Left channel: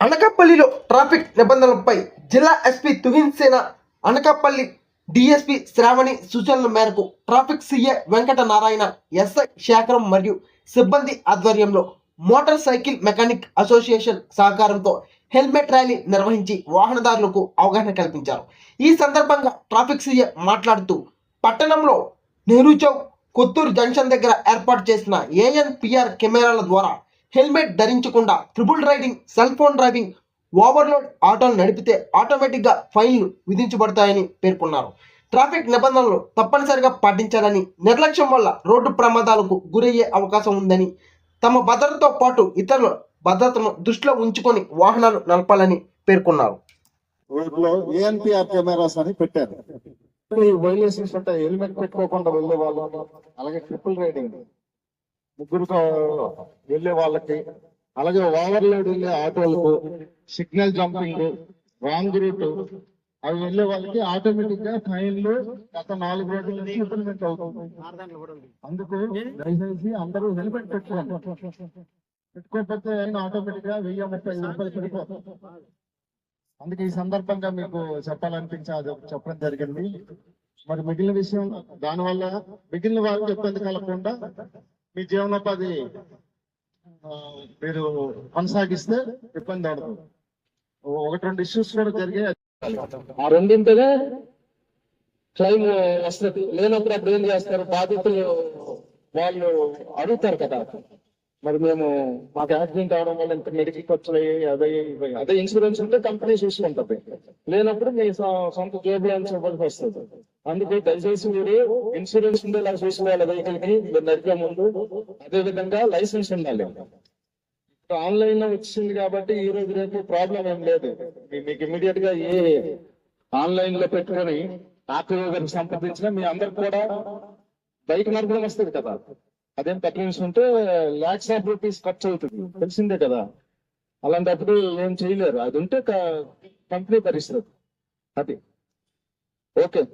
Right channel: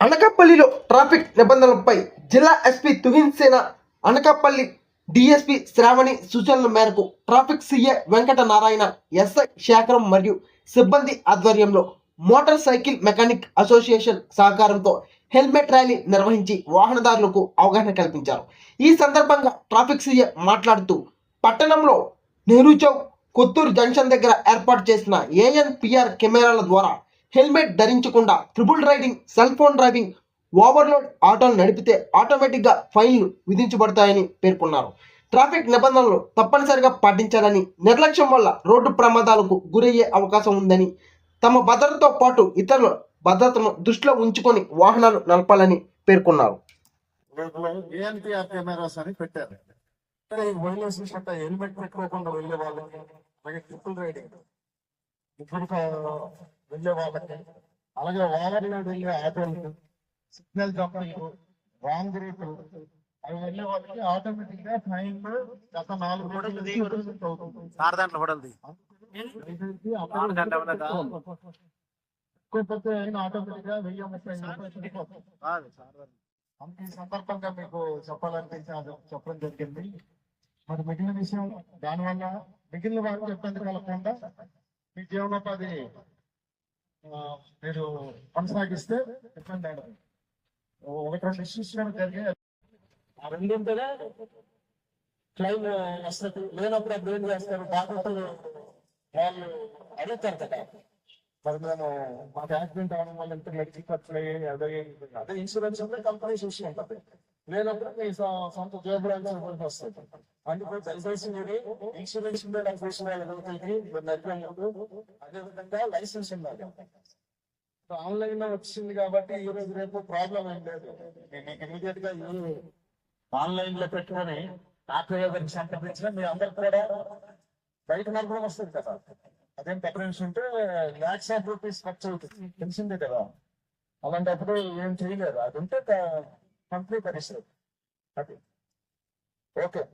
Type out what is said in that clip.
అనకాపల్లిలో ట్రాఫిక్ నిబంధనలపై జిల్లా ఎస్పీ తుహిన్ సేన అనకాపల్లి DSP Sravani సూచనల మేరకు traffic CI Venkata Narayana SI Sekharam మరియు సిబ్బంది ఆధ్వర్యంలో మోటార్ సైకిల్ మెకానిక్ అసోసియేషన్ సహకారంతో హెల్మెట్ ర్యాలీ నిర్వహించి వాహనదారులకు అవగాహన కల్పించారు. ఈ సందర్భంగా ట్రాఫిక్ సీఏ మాట్లాడుతూ పట్టణంలో నెహ్రూ చౌక్ కొత్తూరు జంక్షన్ దగ్గర ఏర్పాటు చేసిన ఏఎన్పిఆర్ కెమెరాల ద్వారా helmet ధరించకుండా triple riding cell phone driving overload ఆటోలు నడిపితే ఆటోమేటిక్గా ఫైన్లు విధించబడతాయని పేర్కొన్నారు. ట్రాఫిక్ నిబంధనలు తప్పనిసరిగా పాటించాలని నిర్లక్ష్యం వల్ల రోడ్డు ప్రమాదాలకు గురయ్యే అవకాశం ఉందని తమ భద్రతతో పాటు ఇతరుల భద్రతను దృష్టిలో ఉంచుకొని వాహనాలు నడపాలని పేర్కొన్నారు. ఊర్లో ఏఎన్పిఆర్ కెమెరాస్ అని పెట్టారు. ఈ వైలేషన్స్ అంటే హెల్మెట్ పెట్టుకోకుండా వెళ్ళే వాళ్ళకి అలాగే ట్రిపుల్ రైడింగ్ ముగ్గురుతో వెళ్ళే వాళ్ళకి అలాగే ఓవర్లోడ్ వెళ్ళే ఆటోలకు సిగ్నల్ జంపింగ్ రాంగ్ రూట్ అవి వెళ్ళే వాళ్ళకి ఆటోమేటిక్గా ఫైన్లు గత నాలుగు రోజుల నుంచి ఇంప్లిమెంట్ అవుతుంది. అందుకు దయచేసి అందరూ పెట్టుకోకపోతే ఆటోమేటిక్గా వెయ్యి ముప్పై రూపాయలు పెట్టుకోవాలి అందుకే ఈ సందర్భంగా మీకు చెప్పాలనిపించి అది చెప్పడం జరిగింది. మరి మిగిలిన విషయం దానివల్ల మిగిలిన వాళ్ళకి ఇబ్బంది కలగకుండా మీ జీవనోపాధి మీరు కొనసాగిస్తే ఇబ్బంది అవదు ఒకటి రెండు ఇష్యూస్ కూడా జరిగాయి ఆ రెండింటినే క్లైమ్ వస్తుంది లేనప్పుడు అప్పుడు ఏం చేస్తారు? బాధితులు వాళ్ళు అడుగుతారు కదా. మరి మేము మాకు యాక్సిడెంట్ అవడం వల్ల ఇంత మెడికల్ ఖర్చులు అయ్యాయి అదే అదే ఇన్సూరెన్స్ ఉంటే కంపెనీ చూసుకుంటది. లేనప్పుడు మీ సొంత జోబులాన్స్ ఇవ్వాల్సి వస్తుంది. అందుకే దయచేసి మీరు ఇన్సూరెన్స్ ఉండేలా చూసుకోవాలి. వెహికల్కి మీరు నడిపే ముందు అదే విధంగా లైసెన్స్ ఉండాలి. ఆన్లైన్లో వచ్చింది కాబట్టి ఈ రోజు రేపు ప్రాబ్లం ఏం లేదు. మీ- మీకు ఇమీడియట్గా ఏ ఆన్లైన్లో పెట్టుకొని ఆర్టీఓ సంప్రదించిన మీ అందరికి కూడా బైక్ నడపడం వస్తుంది కదా. అదేం పెద్ద ఉంటే లాక్స్ ఆఫ్ రూపీస్ ఖర్చు అవుతుంది. తెలిసిందే కదా. అలాంటప్పుడు ఏం చేయలేరు. అది ఉంటే కంపెనీ భరిస్తుంది అది. ఓకే.